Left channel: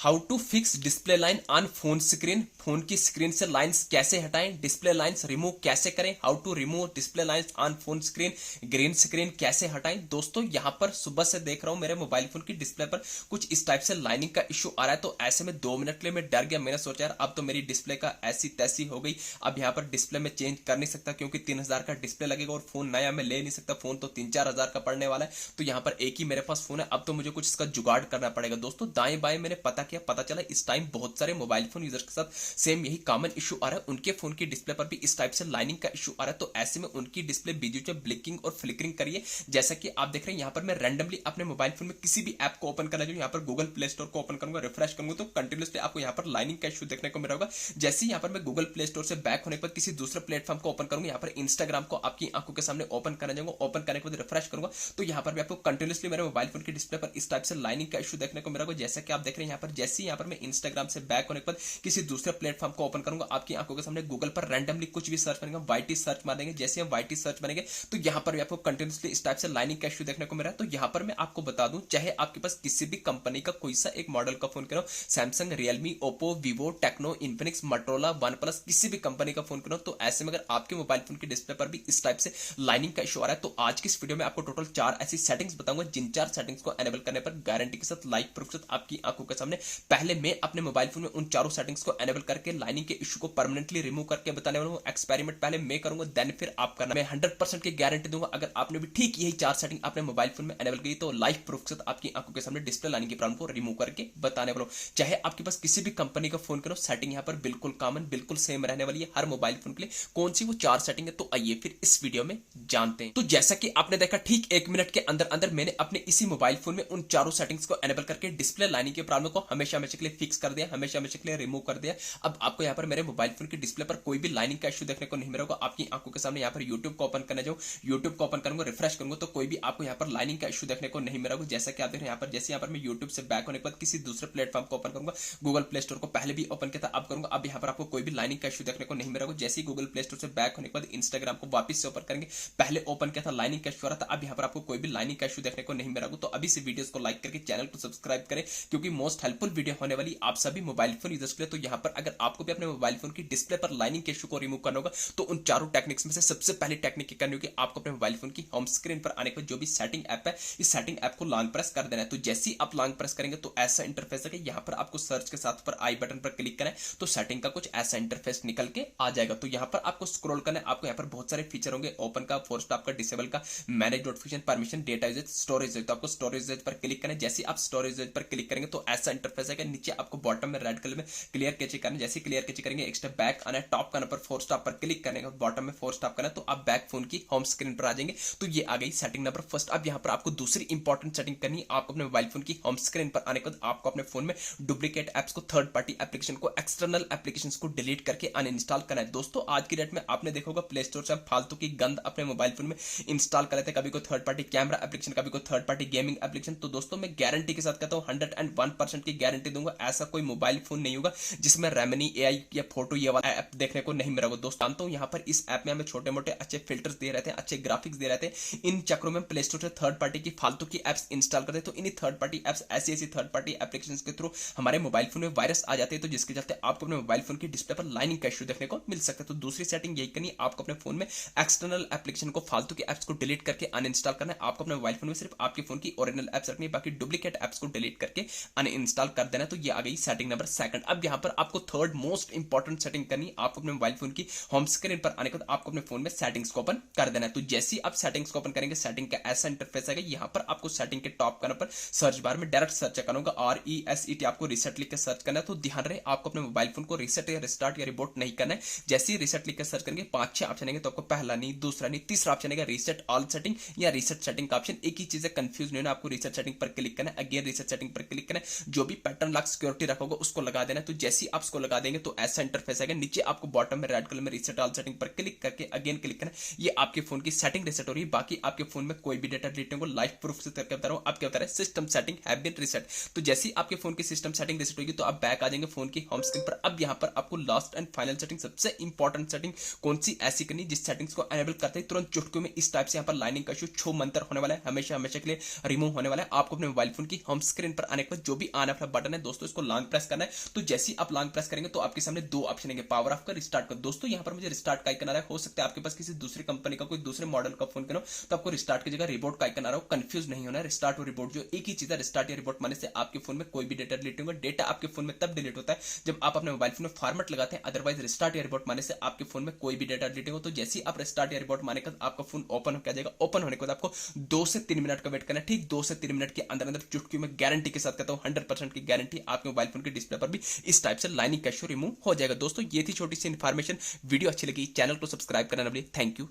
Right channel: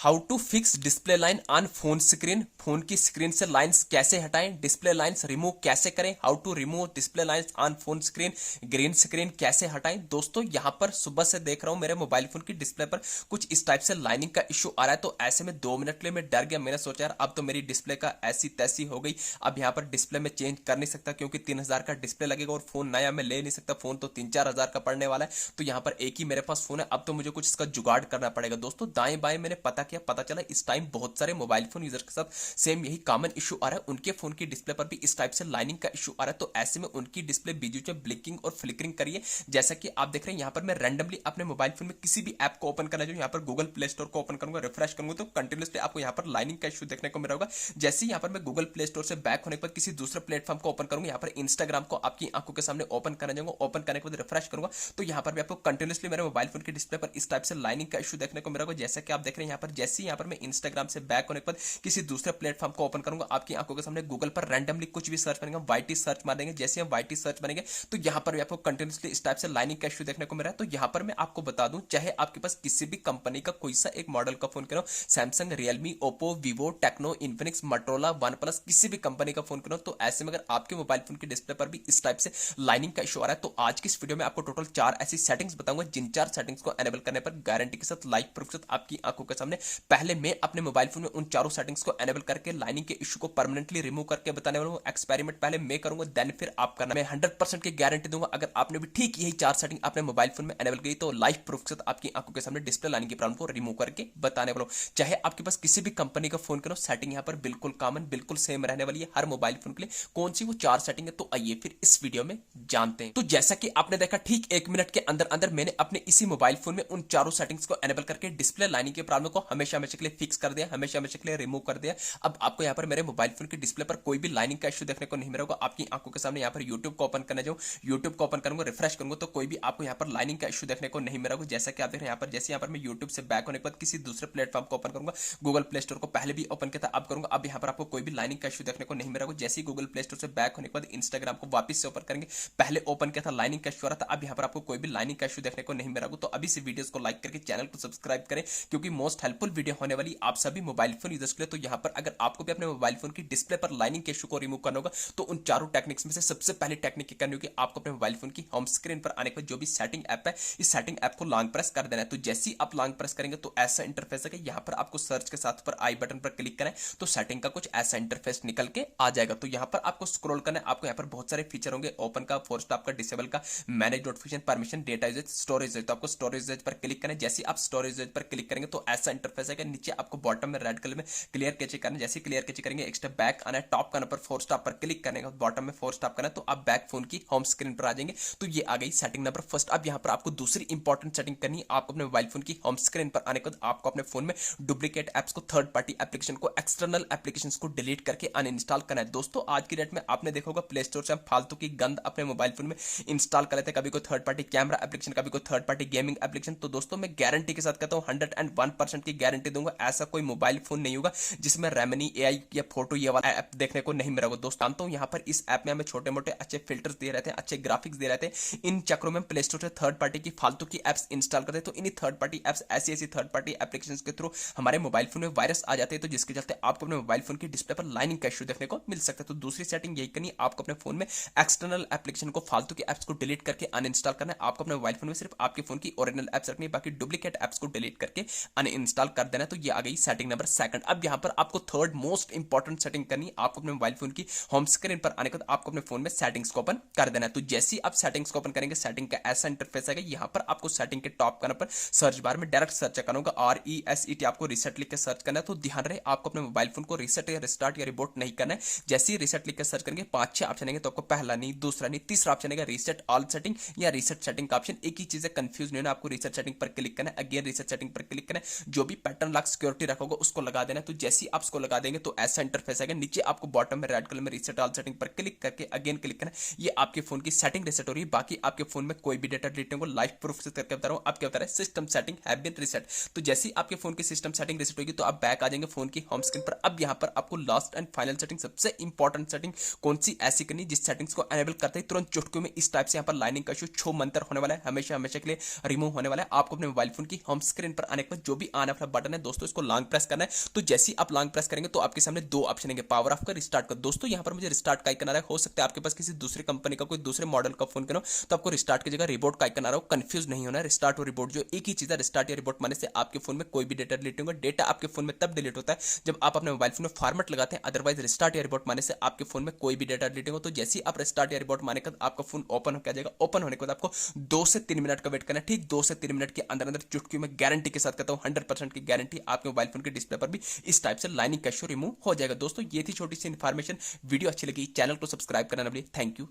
How to fix display line on phone screen. Phone की screen से lines कैसे हटाएं, डिस्प्ले लाइंस रिमूव कैसे करें, how to remove display lines on phone screen, green screen कैसे हटाएं। दोस्तों यहां पर सुबह से देख रहा हूं मेरे मोबाइल फोन की डिस्प्ले पर कुछ इस टाइप से लाइनिंग का इशू आ रहा है। तो ऐसे में 2 मिनट के लिए मैं डर गया। मैंने सोचा यार अब तो मेरी डिस्प्ले का ऐसी तैसी हो गई, अब यहां पर डिस्प्ले में चेंज कर नहीं सकता क्योंकि 3,000 का डिस्प्ले लगेगा और फोन नया मैं ले नहीं सकता, फोन तो 3-4 हजार का पड़ने वाला है। तो यहां पर एक ही मेरे पास फोन है, अब तो मुझे कुछ इसका जुगाड़ करना पड़ेगा। दोस्तों दाएं बाएं मैंने पता किया, पता चला इस टाइम बहुत सारे मोबाइल फोन यूजर के साथ सेम यही कॉमन इशू आ रहा है। उनके फोन की डिस्प्ले पर भी इस टाइप से लाइनिंग का इशू आ रहा है। तो ऐसे में उनकी डिस्प्ले बीच में ब्लिंकिंग और फ्लिकरिंग करिए। जैसा कि आप देख रहे हैं यहाँ पर मैं रैंडमली अपने मोबाइल फोन में किसी भी ऐप को ओपन करना चाहिए, यहाँ पर गूगल प्ले स्टोर को ओपन करूंगा, रिफ्रेश करूंगा तो कंटिन्यूसली आपको यहाँ पर लाइनिंग का इशू देखने को मिला होगा। जैसे ही यहाँ पर मैं गूगल प्ले स्टोर से बैक होने के बाद किसी दूसरे प्लेटफॉर्म को ओपन करूंगा, यहाँ पर इंस्टाग्राम को आपकी आंखों के सामने ओपन करना जाऊंगा, ओपन करने के बाद रिफ्रेश करूंगा तो यहाँ पर भी आपको कंटिन्यूसली मेरे मोबाइल फोन की डिस्प्ले पर इस टाइप से लाइनिंग का इशू देखने को मिला होगा। जैसा कि आप देख रहे हैं यहाँ पर जैसे ही यहाँ पर मैं इंस्टाग्राम से बैक होने के बाद किसी दूसरे प्लेटफॉर्म को ओपन करूंगा, आपकी आंखों के सामने गूगल पर रैंडमली कुछ भी सर्च करेंगे, वाईटी सर्च मारेंगे, जैसे हम वाईटी सर्च मारेंगे तो यहां पर भी आपको कंटिन्यूसली इस टाइप से लाइनिंग का इशू देखने को मिल रहा है। तो यहां पर मैं आपको बता दूं, चाहे आपके पास किसी भी कंपनी का कोई सा एक मॉडल का फोन करो, Samsung, Realme, Oppo, Vivo, Tecno, Infinix, Motorola, OnePlus, किसी भी कंपनी का फोन करो, तो ऐसे में अगर आपके मोबाइल फोन की डिस्प्ले पर भी इस टाइप से लाइनिंग का इशू आ रहा है तो आज की इस वीडियो में आपको टोटल 4 ऐसी सेटिंग्स बताऊंगा जिन 4 सेटिंग्स को एनेबल करने पर गारंटी के साथ लाइव प्रूफ के साथ आपकी आंखों के सामने पहले मैं अपने मोबाइल फोन में उन चारों सेटिंग्स को एनेबल करके लाइनिंग के इशू को परमानेंटली रिमूव करके बताने वाला हूं। एक्सपेरिमेंट पहले मैं करूंगा, देन फिर आप करना। मैं 100% की गारंटी दूंगा अगर आपने भी ठीक यही 4 सेटिंग अपने मोबाइल फोन में एनेबल की तो लाइव प्रूफ के साथ आपकी आंखों के सामने डिस्प्ले लाइनिंग की प्रॉब्लम को रिमूव करके बताने वाला हूं। चाहे आपके पास किसी भी कंपनी का फोन करो, सेटिंग यहां पर बिल्कुल कॉमन, बिल्कुल सेम रहने वाली है हर मोबाइल फोन के लिए। कौन सी वो 4 सेटिंग है तो आइए फिर इस वीडियो में जानते हैं। तो जैसा कि आपने देखा ठीक 1 मिनट के अंदर अंदर मैंने अपने इसी मोबाइल फोन में उन चारों सेटिंग्स को एनेबल करके डिस्प्ले लाइनिंग की प्रॉब्लम को हमेशा हमेशा के लिए फिक्स कर दिया, हमेशा हमेशा के लिए रिमूव कर दिया। अब आपको यहाँ पर मेरे मोबाइल फोन की डिस्प्ले पर कोई भी लाइनिंग का इशू देखने को नहीं मिलेगा। आपकी आंखों के सामने यहाँ पर यूट्यूब को ओपन करने जाऊँ, यूट्यूब को ओपन करूंगा, रिफ्रेश करूंगा तो कोई भी आपको यहाँ पर लाइनिंग का इशू देखने को नहीं मिलेगा। जैसा कि आप देख रहे हैं यहाँ पर जैसे यहाँ पर मैं यूट्यूब से बैक होने के बाद किसी दूसरे प्लेटफॉर्म को ओपन करूंगा, गूगल प्ले स्टोर को पहले भी ओपन किया था अब करूंगा, अब यहाँ पर आपको कोई भी लाइनिंग का इशू देखने को नहीं मिलेगा। जैसे ही गूगल प्ले स्टोर से बैक होने के बाद इंस्टाग्राम को वापस से ओपन करेंगे, पहले ओपन किया था लाइनिंग का इशू आ रहा था, अब यहाँ पर आपको कोई भी लाइनिंग का इशू देखने को नहीं मिलेगा। तो अभी से वीडियोस को लाइक करके चैनल को सब्सक्राइब करें क्योंकि मोस्ट हेल्पफुल वीडियो होने वाली आप सभी मोबाइल फोन यूजर्स के लिए। तो यहाँ पर अगर आपको भी अपने मोबाइल फोन की डिस्प्ले पर लाइनिंग के इशू को रिमूव करना होगा तो उन चारों टेक्निक्स में से सबसे पहले टेक्निक करनी होगी, आपको अपने मोबाइल फोन की होम स्क्रीन पर आने के बाद जो भी सेटिंग ऐप है इस सेटिंग ऐप को लॉन्ग प्रेस कर देना है। तो जैसे ही आप लॉन्ग प्रेस करेंगे तो ऐसा इंटरफेस है कि यहाँ पर आपको सर्च के साथ पर आई बटन पर क्लिक करें तो सेटिंग का कुछ ऐसा इंटरफेस निकल के आ जाएगा। तो यहाँ पर आपको स्क्रॉल करना है, आपको यहाँ पर बहुत सारे फीचर होंगे, ओपन का, फोर स्टॉप का, डिसेबल का, manage notification, permission, data usage, storage usage. तो आपको स्टोरेज यूजेज पर क्लिक करना है। जैसे आप स्टोरेज यूजेज पर क्लिक करेंगे तो ऐसा इंटरफेस है कि नीचे आपको बॉटम में रेड कलर में क्लियर कैचे करना है। जैसे क्लियर कैचे करेंगे एक स्टेप बैक आना है, टॉप करना पर फोर स्टॉप पर क्लिक करने का बॉटम में फोर स्टॉप करना तो आप बैक फोन की होम स्क्रीन पर आ जाएंगे। तो ये आ गई सेटिंग नंबर फर्स्ट। अब यहाँ पर आपको दूसरी इंपॉर्टेंट सेटिंग करनी है, आपको अपने मोबाइल फोन की होम स्क्रीन पर आने के बाद आपको अपने फोन में डुप्लीकेट एप्स को, थर्ड पार्टी एप्लीकेशन को, एक्सटर्नल एप्लीकेशन को डिलीट करके अनइंस्टॉल करना है। दोस्तों आज की डेट में आपने देखा होगा प्ले स्टोर से हम फालतू की गंद अपने मोबाइल फोन में इंस्टॉल कर लेते हैं, कभी कोई थर्ड पार्टी कैमरा एप्लीकेशन, कभी कोई थर्ड पार्टी गेमिंग एप्लीकेशन। तो दोस्तों मैं गारंटी के साथ कहता हूं 101% की गारंटी दूंगा, ऐसा कोई मोबाइल फोन नहीं होगा जिसमें रेमनी एआई या फोटो ये वाला ऐप देखने को नहीं मिलेगा। दोस्तों जानता हूं यहाँ पर इस ऐप में हमें छोटे मोटे अच्छे फिल्टर्स दे रहते हैं, अच्छे ग्राफिक्स दे रहते हैं, इन चक्रों में प्ले स्टोर से थर्ड पार्टी की फालतू की एप्स इंस्टॉल करते हैं। तो इन्हीं थर्ड पार्टी एप्स, ऐसी ऐसी थर्ड पार्टी एप्लीकेशन के थ्रू हमारे मोबाइल फोन में वायरस आ जाते हैं, तो जिसके चलते आपको अपने मोबाइल फोन की डिस्प्ले पर लाइनिंग का इशू देखने को मिल सकता है। तो दूसरी सेटिंग यही करनी है, आपको अपने फोन में एक्सटर्नल एप्लीकेशन को, फालतू की एप्स को डिलीट करके अनइंस्टॉल करना है। आपको अपने मोबाइल फोन में सिर्फ आपके फोन की ओरिजिनल एप्स रखनी है, बाकी डुप्लीकेट एप्स को डिलीट करके अनइंस्टॉल कर देना। तो ये आ गई सेटिंग नंबर सेकंड। अब यहाँ पर आपको थर्ड मोस्ट इंपॉर्टेंट सेटिंग करनी है, आपको अपने मोबाइल फोन की होम स्क्रीन पर आने के बाद आपको अपने फोन में सेटिंग्स को ओपन कर देना है। तो जैसे ही आप सेटिंग्स को ओपन करेंगे सेटिंग का ऐसा इंटरफेस आएगा, यहाँ पर आपको सेटिंग के टॉप करने पर सर्च बार में डायरेक्ट सर्च करना होगा, RESET आपको रिसेट लिख के सर्च करना है। तो ध्यान रहे आपको अपने मोबाइल फोन को रिसेट या रिस्टार्ट या रिबोट नहीं करना है। जैसे ही रिसेट लिख के सर्च करेंगे 5-6 ऑप्शन आएंगे, तो आपको पहला नहीं, दूसरा नहीं, तीसरा ऑप्शन आएगा रिसेट ऑल सेटिंग या रिसेट सेटिंग का ऑप्शन। एक ही चीज है, कंफ्यूज नहीं होना, आपको रिसेट सेटिंग पर क्लिक करना है, अगेन रिसेट सेटिंग पर क्लिक करना है, जो भी पैटर्न लॉक सिक्योरिटी रखोगे उसको लगा देना है। तो जैसे ही आप उसको लगा देंगे तो ऐसा इंटरफेस आएगा, नीचे आपको बॉटम में रेड कलर में रिसेट ऑल सेटिंग पर क्लिक करके अगेन क्लिक करना है। ये आपके फोन की सेटिंग रिसेट हो रही है, बाकी आपके फोन में कोई भी डेटा डिलीट नहीं होगा। लाइव प्रूफ से करके बता रहा हूं, आप क्या बता रहे हैं, system setting have been reset. तो जैसे ही आपके फोन की सिस्टम सेटिंग रिसेट होगी तो आप बैक आ जाएंगे फोन की होम स्क्रीन पर। अब यहाँ पर आपको लास्ट एंड फाइनल सेटिंग, सबसे इंपॉर्टेंट सेटिंग कौन सी ऐसी करनी जिस सेटिंग्स को एनेबल करते ही तुरंत चुटकियों में इस टाइप से यहाँ पर लाइनिंग का इशू छो मंतर होने वाला है, हमेशा हमेशा के लिए रिमूव होने वाला है। आपको अपने मोबाइल फोन की होम स्क्रीन पर आने के बाद जो भी आने वाला बटन है दोस्तों, इसको लॉन्ग प्रेस करना है। तो जैसे ही आप लॉन्ग प्रेस करेंगे तो आपके सामने दो ऑप्शन आएंगे, पावर ऑफ का, रिस्टार्ट का। दोस्तों यहाँ पर मुझे रिस्टार्ट का आइकन आ रहा है, हो सकता है आपके पास किसी दूसरी कंपनी का कोई दूसरे मॉडल का फोन हो तो आपको रिस्टार्ट की जगह रिबोट का आइकन आ रहा हो। कंफ्यूज नहीं होना है, रिस्टार्ट और रिबोट जो एक ही चीज है। रिस्टार्ट या रिबोट माने से आपके फोन में कोई भी डेटा डिलीट होगा। डेटा आपके फोन में तब डिलीट होता है जब आप अपने मोबाइल फोन में फॉर्मेट लगाते हैं, अदरवाइज रिस्टार्ट या रिबोट माने से आपके फोन में कोई भी डेटा डिलीट होगा। तो जैसे ही आप रिस्टार्ट या रिबोट माने का आपका फोन ओपन हो जाएगा। ओपन होने के बाद आपको 2 से 3 मिनट का वेट करना है। ठीक 2 से 3 मिनट के अंदर अंदर चुटकी में गारंटी के साथ कहता हूं 100% की गारंटी आपके मोबाइल फोन के डिस्प्ले पर भी इस टाइप से लाइनिंग कैशो रिमूव हो जाएगा। दोस्तों ये थी छोटी सी इन्फॉर्मेशन। वीडियो अच्छी लगी चैनल को सब्सक्राइब करना ना भूलिए। Thank you.